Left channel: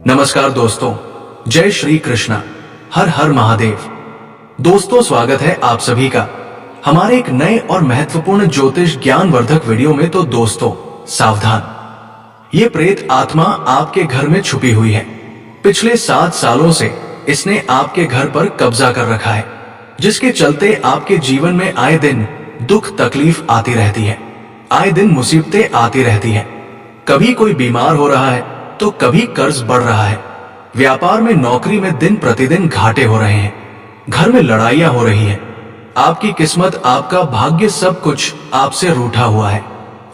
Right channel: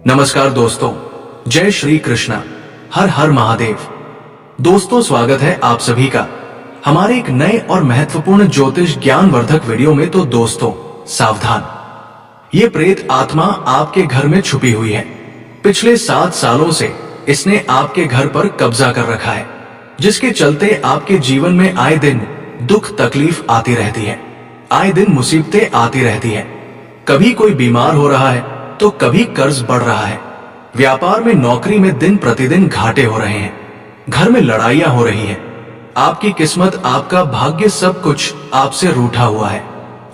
नमस्कार दोस्तों, जय श्री कृष्णा, हर हर महादेव। दोस्तों, स्वागत है आप सभी का हमारे एक नए और महत्वपूर्ण ज्योतिष ज्ञानवर्धक वीडियो में। तो दोस्तों सावधान, ये प्रेत आत्मा आपके घर में छुपी हुई है। पिछले 7 सालों से इसने आपके घर पर कब्जा कर रखा है, जिसके चलते आपके जीवन में आए दिन दुख तकलीफ आती रहती है, आए दिन मुसीबतें आती रहती हैं। कभी कोई बीमार हो रहा है तो कभी कर्ज बढ़ रहा है, व्यापार में नौकरी में दिन प्रतिदिन घाटे हो रहे हैं, घर में लड़ाइयां हो रही हैं। आपकी किस्मत, आपका भाग्य, सब कुछ आपसे रूठा हुआ है।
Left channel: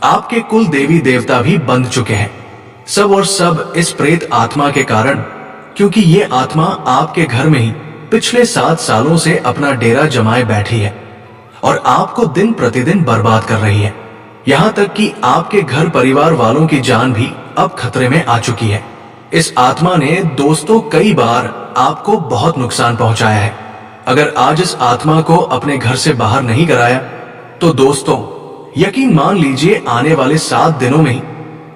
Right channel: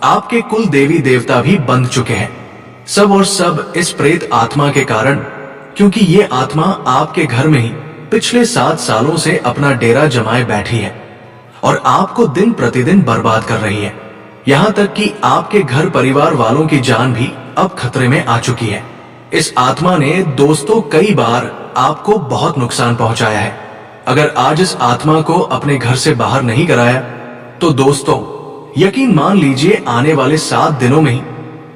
आपके कुल देवी देवता भी बंध चुके हैं। सब और सब इस प्रेत आत्मा के कारण, क्योंकि ये आत्मा आपके घर में ही पिछले 7 सालों से अपना डेरा जमाए बैठी है और आपको दिन प्रतिदिन बर्बाद कर रही है। यहां तक कि आपके घर परिवार वालों की जान भी अब खतरे में आ चुकी है। इस आत्मा ने दोस्तों कई बार आपको बहुत नुकसान पहुंचाया है। अगर आज इस आत्मा को अपने घर से बाहर नहीं कराया तो दोस्तों यकीन मान लीजिए, आने वाले 7 दिनों में ही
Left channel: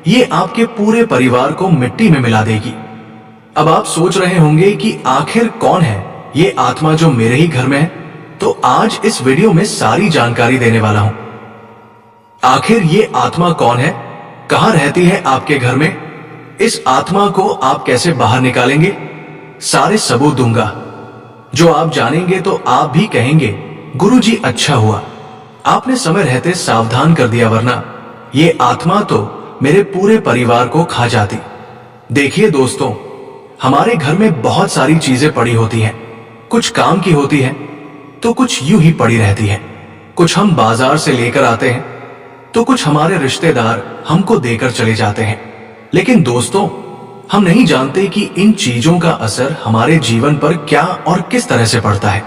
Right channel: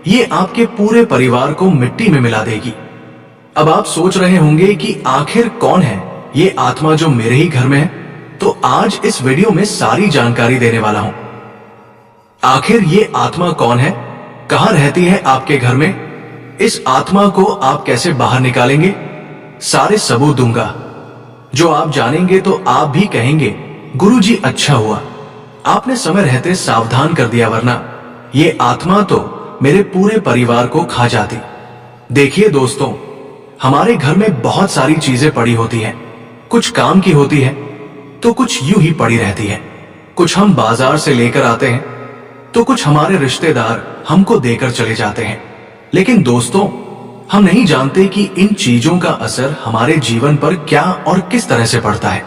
ये आपके पूरे परिवार को मिट्टी में मिला देगी। अब आप सोच रहे होंगे कि आखिर कौन है ये आत्मा जो मेरे ही घर में है, तो आज इस वीडियो में सारी जानकारी देने वाला हूं। आखिर ये आत्मा कौन है, कहां रहती है आपके घर में, इस आत्मा को आप कैसे बाहर निकालेंगे, सारे सबूत दूंगा। जो आप जानेंगे तो आप भी कहेंगे, गुरुजी अच्छा हुआ आपने समय रहते सावधान कर दिया, वरना ये आत्मा तो मेरे पूरे परिवार को खा जाती। देखिए दोस्तों, हमारे घर में बहुत सारी चीजें पड़ी होती हैं, कुछ काम की होती है तो कुछ यूं ही पड़ी रहती है। कुछ हम बाजार से लेकर आते हैं तो कुछ हमारे रिश्तेदार हमको देकर चले जाते हैं। लेकिन दोस्तों, हम नहीं जानते कि इन चीजों का असर हमारे जीवन पर क्या और किस तरह से पड़ता है।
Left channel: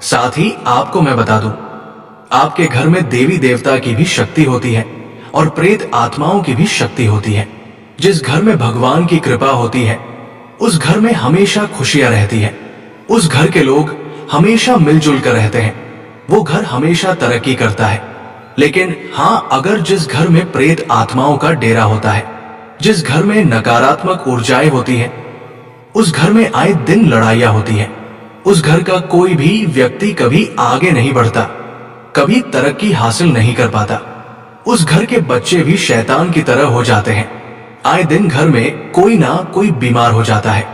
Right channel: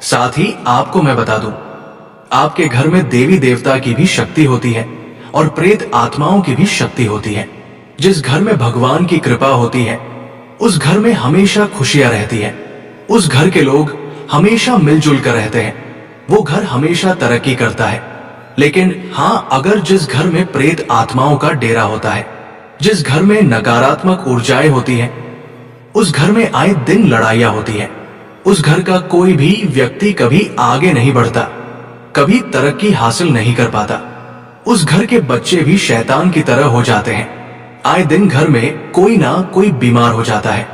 साथ ही आपको मैं बता दूं, आपके घर में देवी देवता की भी शक्ति होती है और प्रेत आत्माओं की भी शक्ति होती है। जिस घर में भगवान की कृपा होती है उस घर में हमेशा खुशियां रहती है। उस घर के लोग हमेशा मिलजुल कर रहते हैं, वो घर हमेशा तरक्की करता है। लेकिन हां, अगर जिस घर में प्रेत आत्माओं का डेरा होता है, जिस घर में नकारात्मक ऊर्जाएं होती हैं, उस घर में आए दिन लड़ाइयां होती हैं। उस घर का कोई भी व्यक्ति कभी आगे नहीं बढ़ता, कभी तरक्की हासिल नहीं कर पाता। उस घर के बच्चे भी शैतान की तरह हो जाते हैं। आए दिन घर में कोई ना कोई बीमार हो जाता है।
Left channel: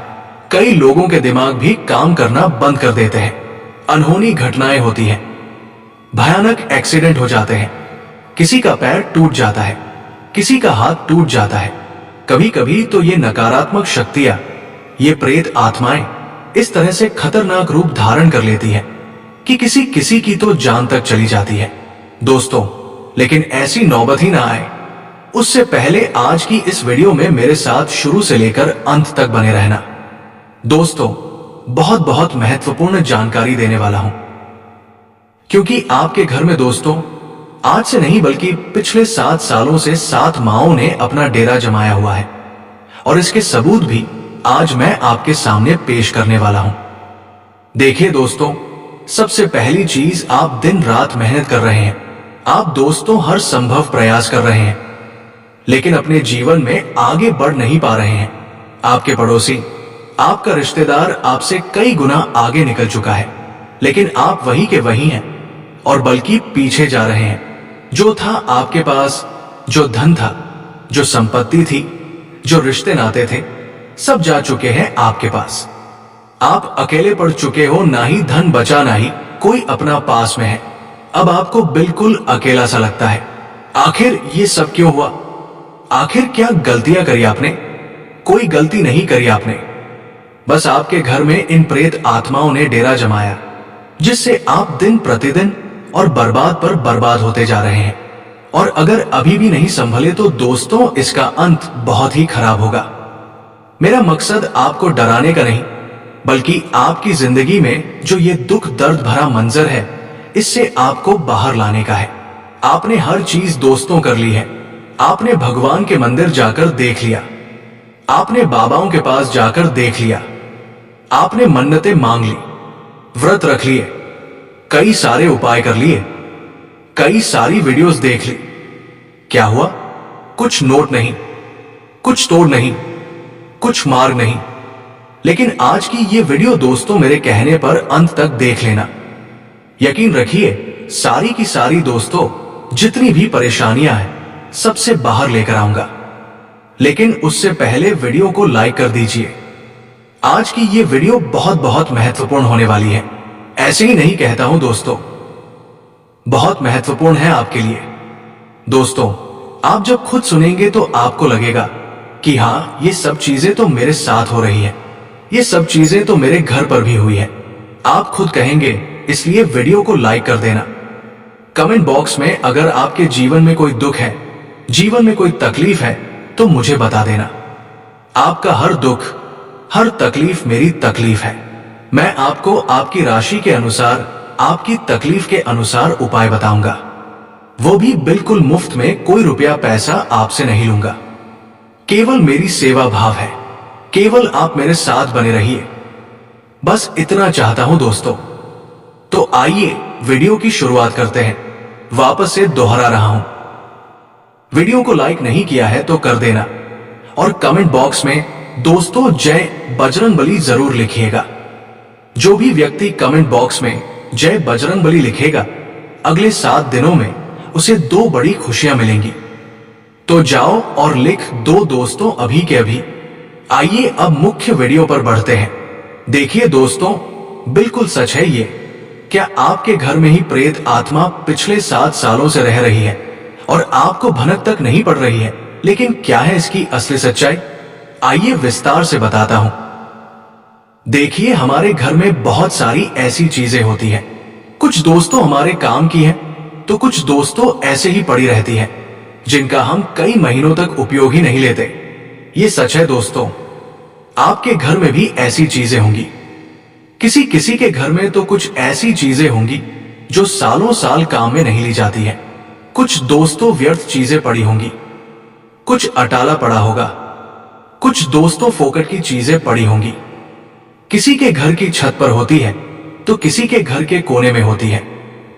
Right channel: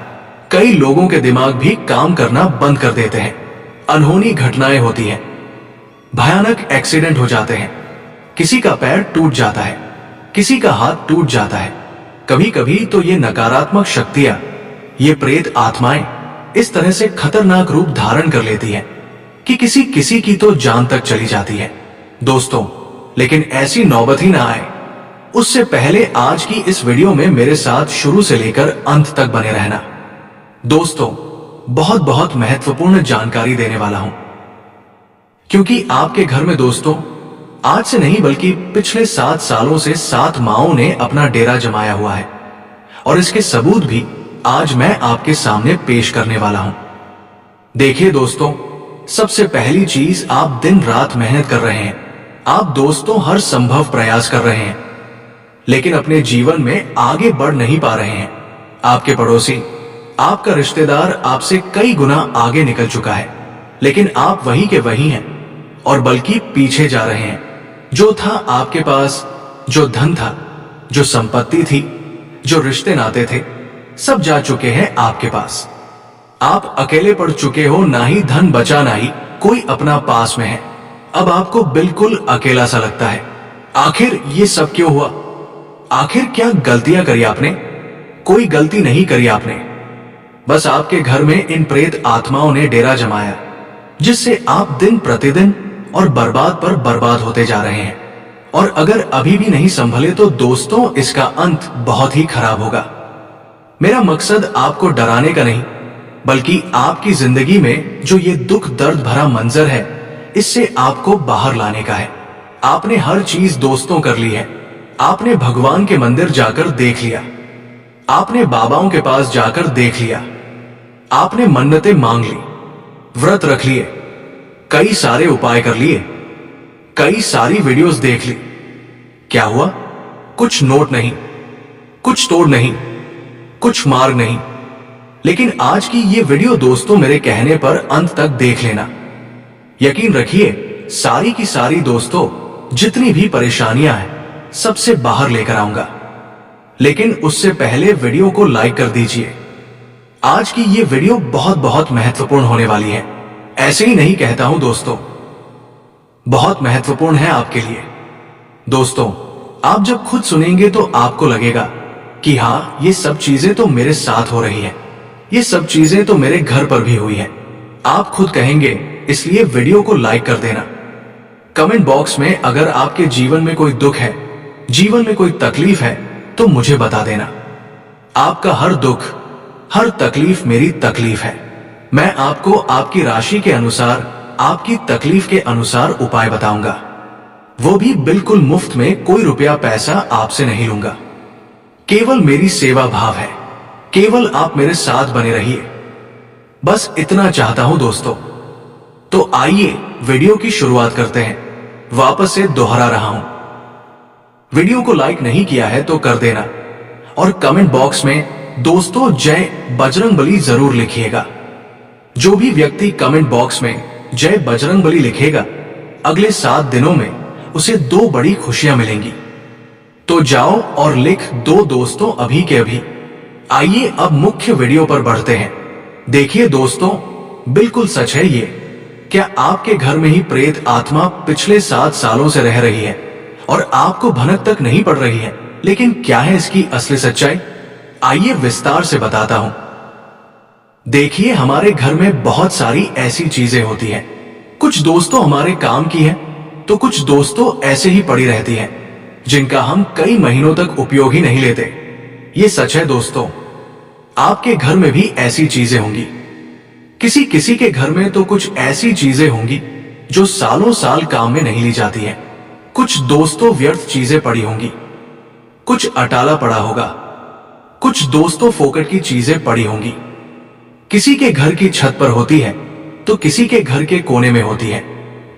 कई लोगों के दिमाग भी काम करना बंद कर देते हैं। अनहोनी घटनाएं होती हैं, भयानक एक्सीडेंट हो जाते हैं, किसी का पैर टूट जाता है, किसी का हाथ टूट जाता है। कभी कभी तो ये नकारात्मक शक्तियां, ये प्रेत आत्माएं इस तरह से खतरनाक रूप धारण कर लेती हैं कि किसी किसी की तो जान तक चली जाती है। दोस्तों, लेकिन ऐसी नौबत ही ना आए, उससे पहले आज की इस वीडियो में मेरे साथ शुरू से लेकर अंत तक बने रहना। दोस्तों, बहुत बहुत महत्वपूर्ण जानकारी देने वाला हूं, क्योंकि आपके घर में दोस्तों आज से नहीं बल्कि पिछले 7 सालों से 7 माओं ने अपना डेरा जमाया हुआ है और इसके सबूत भी आज मैं आपके सामने पेश करने वाला हूं। देखिए दोस्तों, सबसे पहली चीज, आप दिन रात मेहनत कर रहे हैं, आप दोस्तों हर संभव प्रयास कर रहे हैं, लेकिन अपने जीवन में आगे बढ़ नहीं पा रहे हैं। आपके पड़ोसी, आपका रिश्तेदार आपसे कई गुना आगे निकल चुका है, लेकिन आप वही के वही हैं और बल्कि पीछे जा रहे हैं। जो था आपके पास, जो धन था, जो संपत्ति थी, जो रिश्ते नाते थे, सब जा चुके हैं आपके पास। आप अकेले पड़ चुके हो, ना ही धन बचा, ना ही कोई अपना पास में है। अब आपको बिल्कुल अकेला सा लगता है। आखिर ये सब क्यों हुआ? आखिर क्या गलतियां करी आपने? कोई गलती नहीं करी आपने, बस आपके घर में इन प्रेत आत्माओं ने डेरा जमाया, जिससे आप दिन प्रतिदिन और बर्बाद पर बर्बाद होते जा रहे हैं। और अगर अभी भी नहीं संभले तो दोस्तों इसका अंत बहुत ही खराब होगा। मेरा मकसद आपको डराने का नहीं, बल्कि आपकी जिंदगी में जो ये दुख दर्द भरा मंजर है, इससे आपको बाहर लाने का है। आपने हर चीज दोस्तों कर ली है। आपने भगवान के मंदिर जाकर देख लिया, आपने बाबाओं के पास जाकर देख लिया, आपने मन्नतें मांग ली, व्रत रख लिए, कई सारे उपाय कर लिए, कई सारी वीडियोस देख ली। क्या हुआ? कुछ नोट नहीं, कुछ तोड़ नहीं, कुछ मार्ग नहीं। लेकिन आज की ये वीडियो दोस्तों मेरे कहने पर अंत तक देख लेना। यकीन रखिए सारी की सारी दोस्तों जितनी भी परेशानियां हैं सबसे बाहर लेकर आऊंगा। लेकिन उससे पहले वीडियो को लाइक कर दीजिए। आज की ये वीडियो बहुत बहुत महत्वपूर्ण होने वाली है। ऐसे ही नहीं कहता हूं दोस्तों, बहुत महत्वपूर्ण है आपके लिए। दोस्तों आप जब खुद सुनेंगे तो आपको लगेगा कि हां ये सब चीजें तो मेरे साथ हो रही हैं, ये सब चीजें तो मेरे घर पर भी हुई हैं। आप खुद कहेंगे, इसलिए वीडियो को लाइक कर देना। कमेंट बॉक्स में अगर आपके जीवन में कोई दुख है, जीवन में कोई तकलीफ है तो मुझे बता देना। आपका हर दुख हर तकलीफ मेरी तकलीफ है। मैं आपको आपकी राशि के अनुसार आपकी तकलीफ के अनुसार उपाय बताऊंगा, वो भी बिल्कुल मुफ्त में। कोई रुपया पैसा आपसे नहीं लूंगा, केवल मेरी सेवा भाव है। केवल आप मेरे साथ बने रहिए, बस इतना चाहता हूं दोस्तों। तो आइए वीडियो की शुरुआत करते हैं। वापस से दोहरा रहा हूं, वीडियो को लाइक नहीं किया है तो कर देना और कमेंट बॉक्स में दोस्तों जय बजरंगबली जरूर लिखिएगा। जो भी व्यक्ति कमेंट बॉक्स में जय बजरंगबली लिखेगा अगले 7 दिनों में उसे 2 बड़ी खुशियां मिलेंगी। तो जाओ और लिख दो दोस्तों अभी के अभी। आइए अब मुख्य वीडियो पर बढ़ते हैं। देखिए दोस्तों बिल्कुल सच है ये। क्या आपके घर में ही प्रेत आत्मा पिछले 7 सालों से रह रही है और आपको भनक तक नहीं पड़ रही है? लेकिन क्या है इसकी असली सच्चाई? आइए विस्तार से बताता हूं। देखिए हमारे घर में बहुत सारी ऐसी चीजें होती हैं। कुछ दोस्तों हमारे काम की हैं तो कुछ दोस्तों ऐसे ही पड़ी रहती हैं जिनका हम कई महीनों तक उपयोग ही नहीं लेते। ये सच है दोस्तों, आपके घर में भी ऐसी चीजें होंगी। किसी किसी के घर में तो कुछ ऐसी चीजें होंगी जो सालों साल काम में नहीं ली जाती हैं। कुछ दोस्तों व्यर्थ चीजें पड़ी होंगी, कुछ अटाला पड़ा होगा, कुछ दोस्तों फोकट की चीजें पड़ी होंगी। किसी के घर की छत पर होती है तो किसी के घर के कोने में होती है,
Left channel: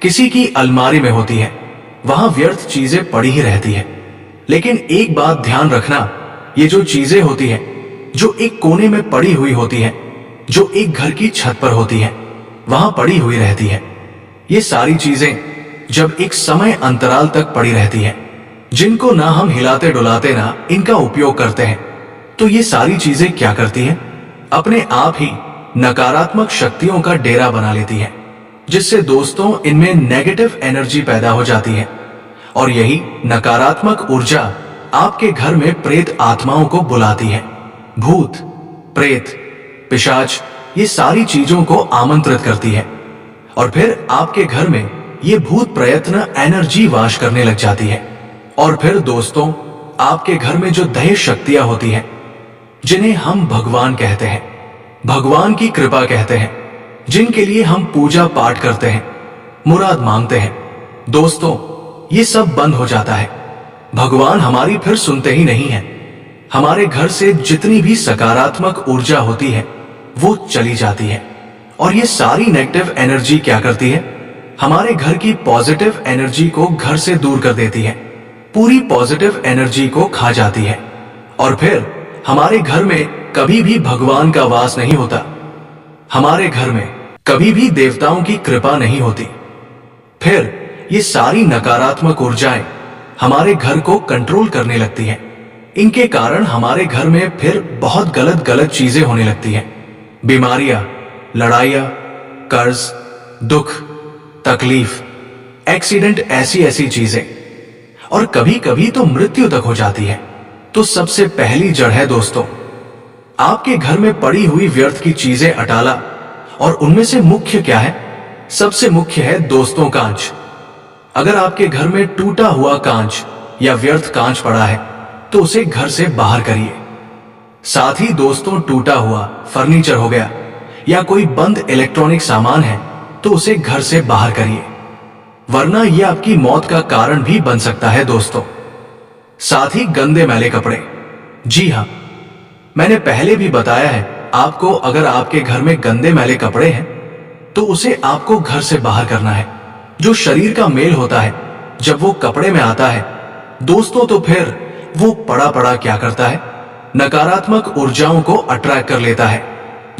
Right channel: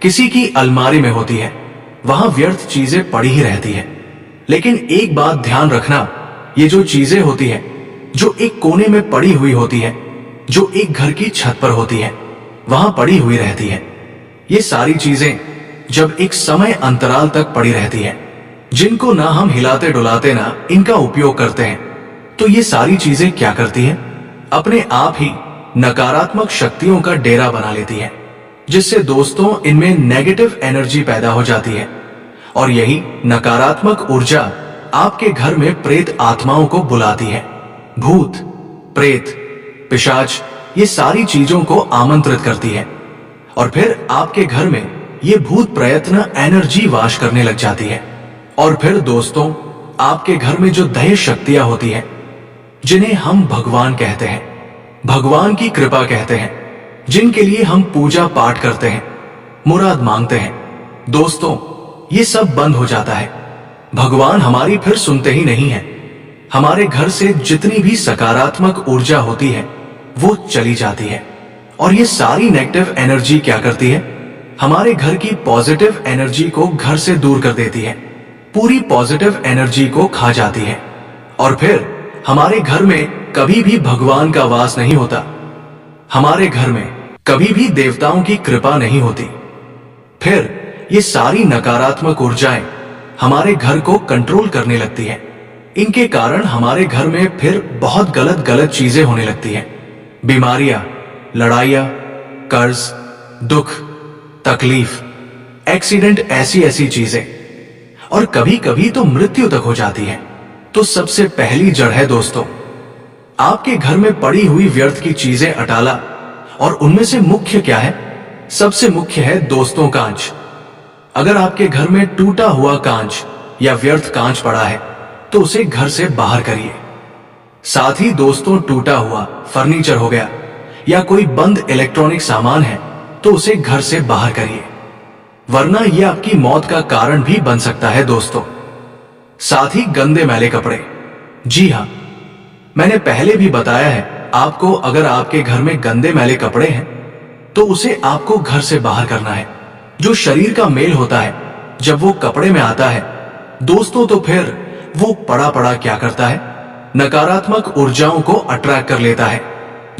किसी की अलमारी में होती है। वहां व्यर्थ चीजें पड़ी ही रहती है। लेकिन एक बात ध्यान रखना, ये जो चीजें होती है जो एक कोने में पड़ी हुई होती है, जो एक घर की छत पर होती है, वहां पड़ी हुई रहती है। ये सारी चीजें जब एक समय अंतराल तक पड़ी रहती है, जिनको ना हम हिलाते डुलाते ना इनका उपयोग करते हैं, तो ये सारी चीजें क्या करती हैं? अपने आप ही नकारात्मक शक्तियों का डेरा बना लेती हैं, जिससे दोस्तों इनमें नेगेटिव एनर्जी पैदा हो जाती है। और यही नकारात्मक ऊर्जा आपके घर में प्रेत आत्माओं को बुलाती है। भूत, प्रेत, पिशाच ये सारी चीजों को आमंत्रित करती है और फिर आपके घर में ये भूत प्रयत्न एनर्जी वाश करने लग जाती है। और फिर दोस्तों आपके घर में जो दैव शक्तियां होती हैं, जिन्हें हम भगवान कहते हैं, भगवान की कृपा कहते हैं, जिनके लिए हम पूजा पाठ करते हैं, मुराद मांगते हैं, दोस्तों ये सब बंद हो जाता है। भगवान हमारी फिर सुनते ही नहीं है। हमारे घर से जितनी भी सकारात्मक ऊर्जा होती है वो चली जाती है। और ये सारी नेगेटिव एनर्जी क्या करती है? हमारे घर की पॉजिटिव एनर्जी को घर से दूर कर देती है, पूरी पॉजिटिव एनर्जी को खा जाती है। और फिर हमारे घर में कभी भी भगवान का वास नहीं होता, हमारे घर में कभी भी देवताओं की कृपा नहीं होती। फिर ये सारी नकारात्मक ऊर्जाएं हमारे घर को कंट्रोल करने लगती हैं। इनके कारण हमारे घर में फिर बहुत गलत गलत चीजें होने लगती हैं। बीमारियां, लड़ाइयां, कर्ज, दुख, तकलीफ, एक्सीडेंट, ऐसी ऐसी चीजें, और कभी कभी तो मृत्यु तक हो जाती है। तो सबसे पहली जड़ है दोस्तों आपके घर में पड़ी हुई व्यर्थ की चीजें अटाला। और उनमें से मुख्य क्या है? सबसे मुख्य है दोस्तों कांच। अगर आपके घर में टूटा हुआ कांच या व्यर्थ कांच पड़ा है तो उसे घर से बाहर करिए। साथ ही दोस्तों टूटा हुआ फर्नीचर हो गया या कोई बंद इलेक्ट्रॉनिक सामान है तो उसे घर से बाहर करिए, वरना यह आपकी मौत का कारण भी बन सकता है दोस्तों। साथ ही गंदे मैले कपड़े, जी हां, मैंने पहले भी बताया है आपको, अगर आपके घर में गंदे मैले कपड़े हैं तो उसे आपको घर से बाहर करना है। जो शरीर का मेल होता है जब वो कपड़े में आता है दोस्तों, तो फिर वो पड़ा पड़ा क्या करता है? नकारात्मक ऊर्जाओं को अट्रैक्ट कर लेता है,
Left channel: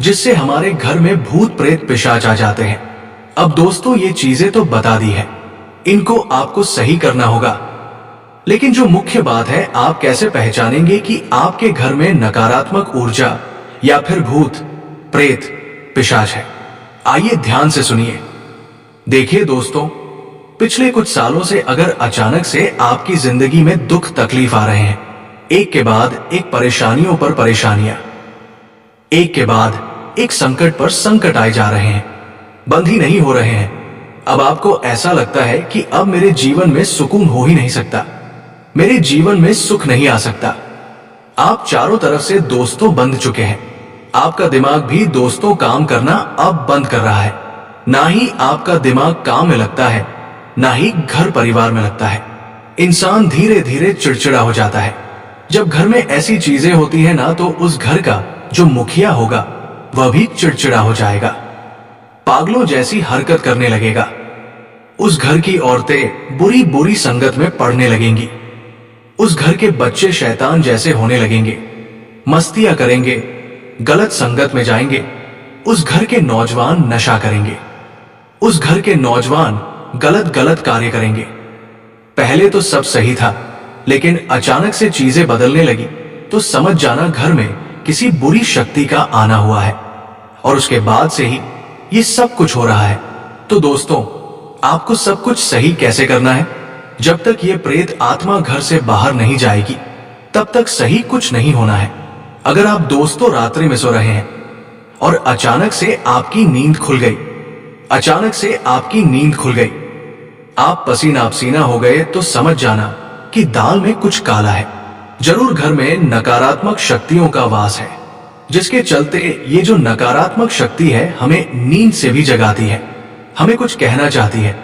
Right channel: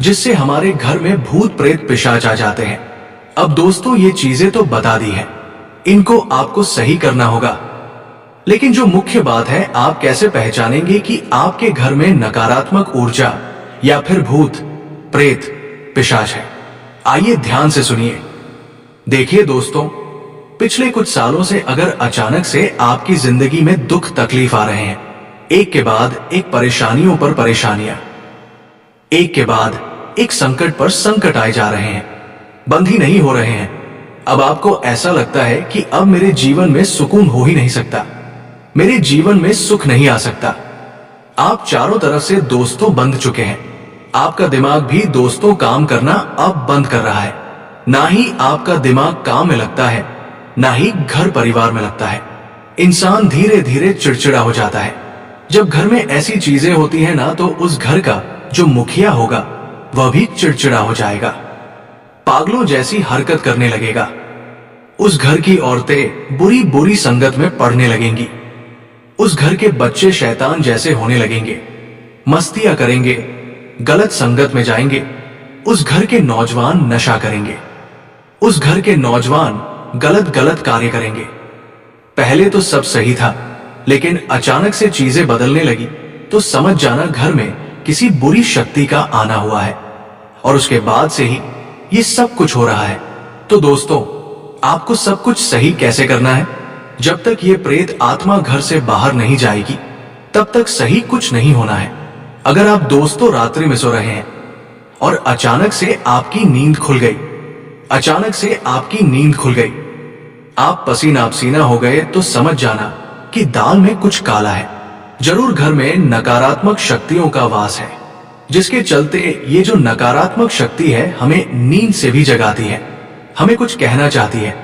जिससे हमारे घर में भूत प्रेत पिशाच आ जाते हैं। अब दोस्तों, ये चीजें तो बता दी है, इनको आपको सही करना होगा। लेकिन जो मुख्य बात है, आप कैसे पहचानेंगे कि आपके घर में नकारात्मक ऊर्जा या फिर भूत प्रेत पिशाच है? आइए ध्यान से सुनिए। देखिए दोस्तों, पिछले कुछ सालों से अगर अचानक से आपकी जिंदगी में दुख तकलीफ आ रहे हैं, एक के बाद एक परेशानियों पर परेशानियां, एक के बाद एक संकट पर संकट आए जा रहे हैं, बंद ही नहीं हो रहे हैं, अब आपको ऐसा लगता है कि अब मेरे जीवन में सुकून हो ही नहीं सकता, मेरे जीवन में सुख नहीं आ सकता। आप चारों तरफ से दोस्तों बंध चुके हैं, आपका दिमाग भी दोस्तों काम करना अब बंद कर रहा है। ना ही आपका दिमाग काम में लगता है, ना ही घर परिवार में लगता है। इंसान धीरे धीरे चिड़चिड़ा हो जाता है। जब घर में ऐसी चीजें होती है ना, तो उस घर का जो मुखिया होगा वह भी चिड़चिड़ा हो जाएगा, पागलों जैसी हरकत करने लगेगा। उस घर की औरतें बुरी बुरी संगत में पड़ने लगेंगी, उस घर के बच्चे शैतान जैसे होने लगेंगे, मस्तियां करेंगे, गलत संगत में जाएंगे। उस घर के नौजवान नशा करेंगे, उस घर के नौजवान गलत गलत कार्य करेंगे। पहले तो सब सही था, लेकिन अचानक से चीजें बदलने लगी तो समझ जाना घर में किसी बुरी शक्ति का आना हुआ है, और उसके बाद से ही ये सब कुछ हो रहा है। तो दोस्तों, आपको सब कुछ सही कैसे करना है? जब तक ये प्रेत आत्मा घर से बाहर नहीं जाएगी, तब तक सही कुछ नहीं होना है। अगर आप दोस्तों रात्रि में सो रहे हैं और अचानक से आपकी नींद खुल गई, अचानक से आपकी नींद खुल गई, आप पसीना पसीना हो गए, तो समझ जाना कि दाल में कुछ काला है। जरूर घर में नकारात्मक शक्तियों का वास है, जिसके चलते ये जो नकारात्मक शक्ति है हमें नींद से भी जगाती है, हमें कुछ कहना चाहती है।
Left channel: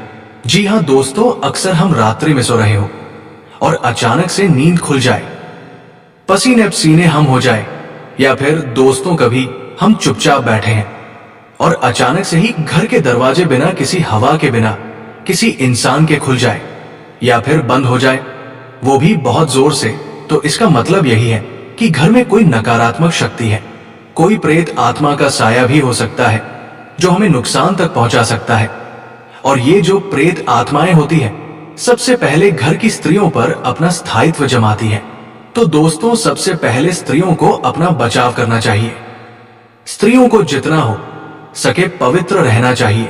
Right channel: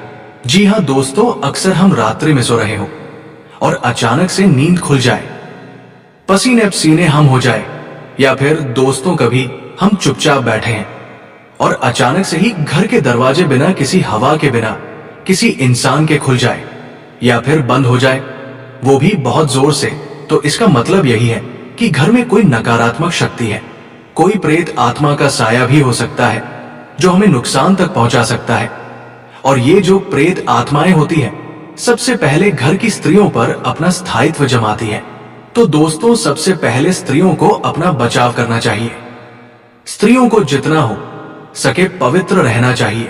जी हाँ दोस्तों, अक्सर हम रात्रि में सो रहे हो और अचानक से नींद खुल जाए, पसीने पसीने हम हो जाए, या फिर दोस्तों कभी हम चुपचाप बैठे हैं और अचानक से ही घर के दरवाजे बिना किसी हवा के, बिना किसी इंसान के खुल जाए या फिर बंद हो जाए, वो भी बहुत जोर से, तो इसका मतलब यही है कि घर में कोई नकारात्मक शक्ति है। कोई प्रेत आत्मा का साया भी हो सकता है जो हमें नुकसान तक पहुंचा सकता है। और ये जो प्रेत आत्माएं होती है, सबसे पहले घर की स्त्रियों पर अपना स्थायित्व जमाती है। तो दोस्तों, सबसे पहले स्त्रियों को अपना बचाव करना चाहिए। स्त्रियों को जितना हो सके पवित्र रहना चाहिए।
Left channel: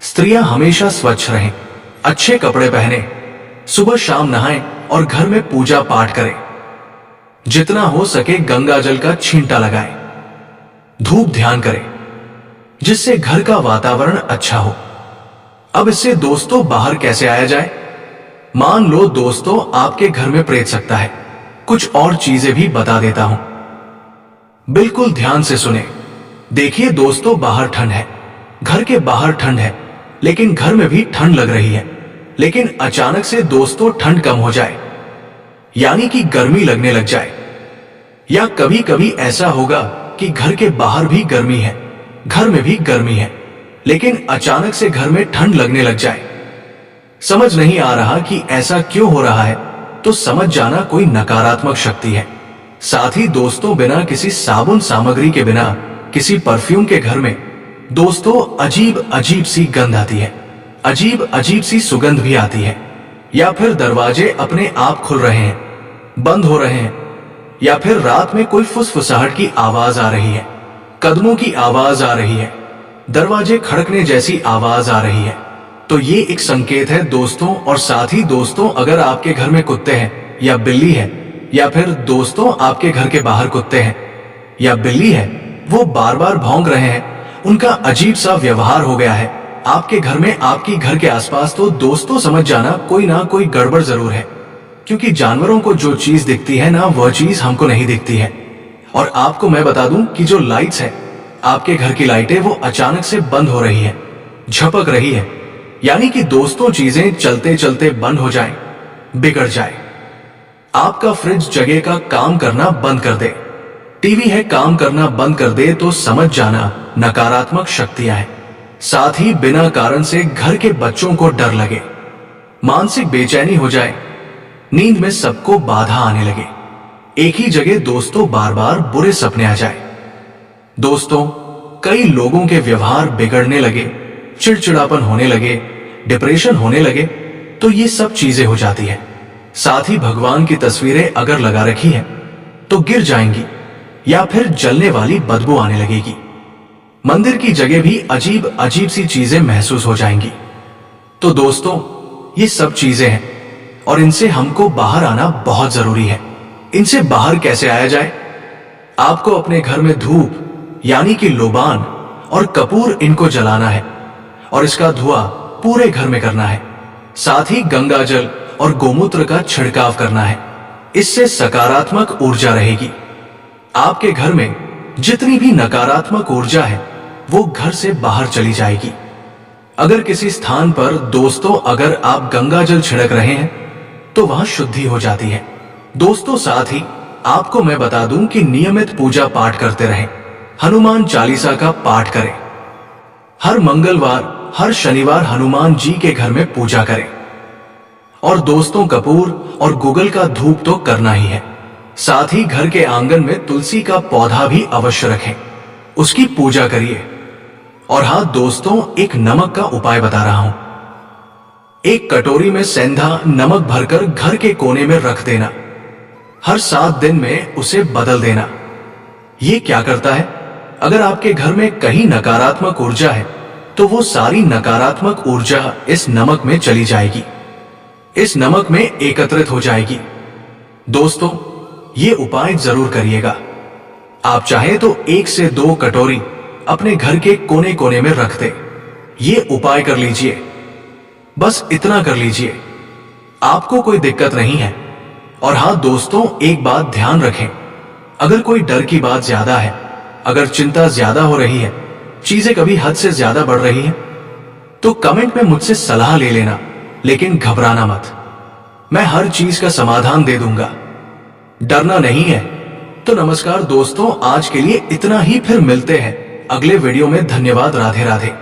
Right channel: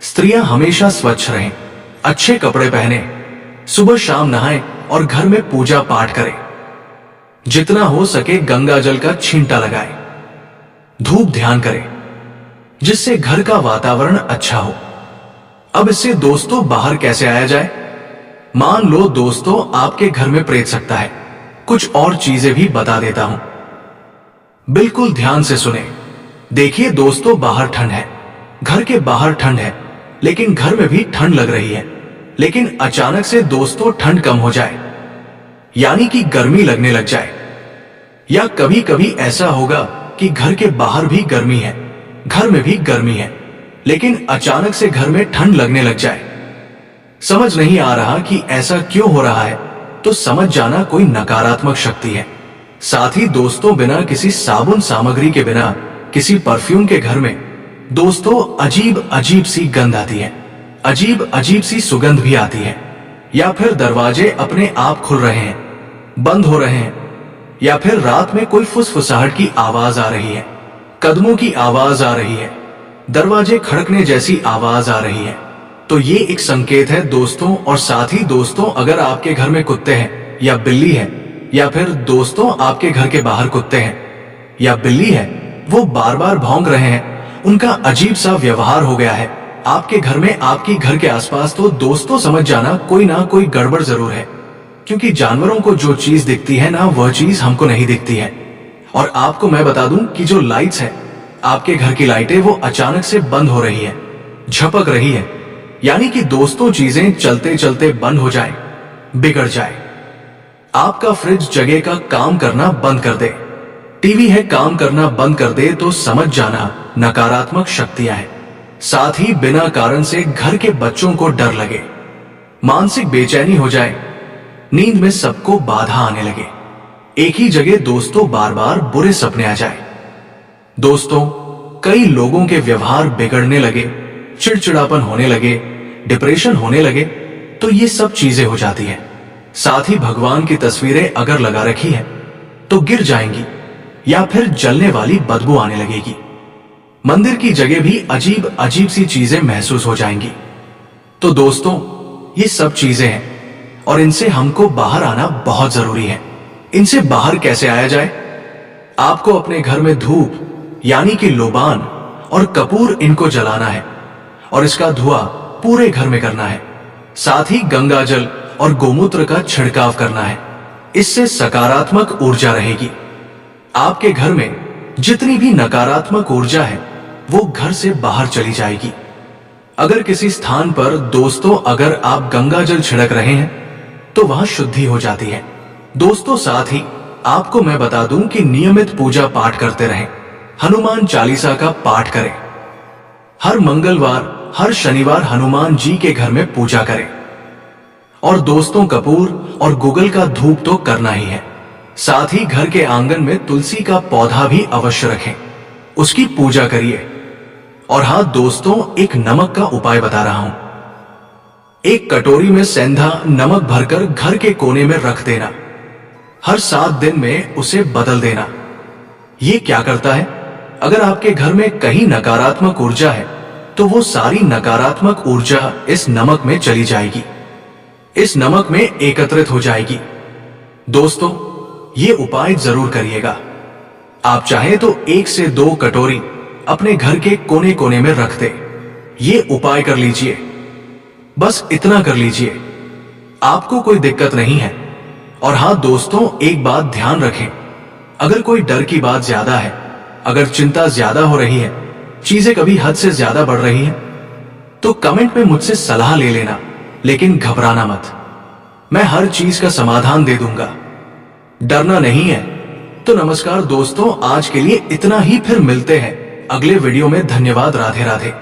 स्त्रियां हमेशा स्वच्छ रहें, अच्छे कपड़े पहने, सुबह शाम नहाएं और घर में पूजा पाठ करें। जितना हो सके गंगा जल का छींटा लगाएं, धूप ध्यान करें, जिससे घर का वातावरण अच्छा हो। अब इससे दोस्तों बाहर कैसे आया जाए? मान लो दोस्तों, आपके घर में प्रेत सकता है, कुछ और चीजें भी बता देता हूं, बिल्कुल ध्यान से सुने। देखिए दोस्तों, बाहर ठंड है, घर के बाहर ठंड है, लेकिन घर में भी ठंड लग रही है। लेकिन अचानक से दोस्तों ठंड कम हो जाए, यानी कि गर्मी लगने लग जाए। या कभी कभी ऐसा होगा कि घर के बाहर भी गर्मी है, घर में भी गर्मी है, लेकिन अचानक से घर में ठंड लगने लग जाए। समझ नहीं आ रहा कि ऐसा क्यों हो रहा है, तो समझ जाना कोई नकारात्मक शक्ति है। साथ ही दोस्तों, बिना किसी साबुन सामग्री के, बिना किसी परफ्यूम के घर में दोस्तों अजीब अजीब सी गंध आती है, अजीब अजीब सी सुगंध भी आती है। या फिर दरवाजे अपने आप खुल रहे हैं, बंद हो रहे हैं, या फिर रात में कोई फुसफुसाहट की आवाज आ रही है, कदमों की आवाज आ रही है, दरवाजे खड़कने जैसी आवाज आ रही है, तो ये एक संकेत है दोस्तों। और साथ ही दोस्तों, अगर आपके घर में कुत्ते हैं या बिल्ली है, या फिर दोस्तों आपके घर के बाहर कुत्ते हैं या बिल्ली है, वो बार बार भौंक रहे हैं, उनका अजीब सा व्यवहार हो गया है आपके घर में, आपकी घर के आसपास, तो दोस्तों समझ जाना कोई ना कोई गड़बड़ जरूर है। क्योंकि जानवरों को जो चीज दिखती है ना, वह चीज हमको नहीं दिखती है। और आपको मैं बता दूं कि जो लाइट्स है, आपके घर की लाइटें, वो अचानक से बंद हो रही है, झपक रही है, यानी कि दोस्तों चीजें चलते चलते बंद हो जाए, बिगड़ जाए। आपका फ्रिज जगह का काम करना बंद कर दे, टीवी है काम करना बंद कर दे, तो समझ जाना नकारात्मक शक्तियां हैं। साथ ही बिना कारण से घर के बच्चों को डर लगे, मानसिक बेचैनी हो जाए, नींद में सबको बाधा आने लगे, एक ही जगह दोस्तों बार बार बुरे सपने आ जाए। दोस्तों, कई लोगों के व्यवहार बिगड़ने लगे, चिड़चिड़ापन होने लगे, डिप्रेशन होने लगे, तो ये सब चीजें हो जाती है। साथ ही भगवान की तस्वीरें अगर लगा रखी है तो गिर जाएंगी या फिर जलने वाली बदबू आने लगेगी। मंदिर की जगह भी अजीब अजीब सी चीजें महसूस हो जाएंगी। तो दोस्तों, ये सब चीजें हैं और इनसे हमको बाहर आना बहुत जरूरी है। इनसे बाहर कैसे आया जाए? आपको अपने घर में धूप यानी कि लोबान और कपूर इनको जलाना है और इसका धुआं पूरे घर में करना है। साथ ही गंगा जल और गोमूत्र का छिड़काव करना है। इससे सकारात्मक ऊर्जा रहेगी। आपके घर में जितनी भी नकारात्मक ऊर्जा है वो घर से बाहर चली जाएगी। अगर किसी स्थान पर दोस्तों अगर आप गंगा जल छिड़क रहे हैं तो वहां शुद्धि हो जाती है। दोस्तों, साथ ही आपको मैं बता दूं कि नियमित पूजा पाठ करते रहें। हनुमान चालीसा का पाठ करें। हर मंगलवार, हर शनिवार हनुमान जी के घर में पूजा करें। और दोस्तों, कपूर और गुगल का धूप तो करना ही है। साथ ही घर के आंगन में तुलसी का पौधा भी अवश्य रखें, उसकी पूजा करिए। और हाँ दोस्तों, एक नमक का उपाय बता रहा हूं। एक कटोरी में सेंधा नमक भरकर घर के कोने में रख देना। हर 7 दिन में उसे बदल देना। ये क्या करता है? अगर आपके घर में कहीं नकारात्मक ऊर्जा है तो वो सारी नकारात्मक ऊर्जा इस नमक में चली जाएगी, इस नमक में एकत्रित हो जाएगी। दोस्तों, ये उपाय जरूर करिएगा। आप चाहें तो 1 से 2 कटोरी अपने घर के कोने कोने में रख दे। ये उपाय कर लीजिए, बस इतना कर लीजिए, आपको कोई दिक्कत नहीं है। और हाँ दोस्तों, एक बात ध्यान रखें, अगर कोई डर की बात ज्यादा है, अगर चिंता ज्यादा हो रही है, चीजें कभी हद से ज्यादा बढ़ रही हैं, तो कमेंट में मुझसे सलाह ले लेना, लेकिन घबराना मत। मैं हर चीज का समाधान दे दूंगा। डरना नहीं है। तो नमस्कार दोस्तों, आज के लिए इतना ही। फिर मिलते हैं अगले वीडियो में। धन्यवाद। राधे राधे।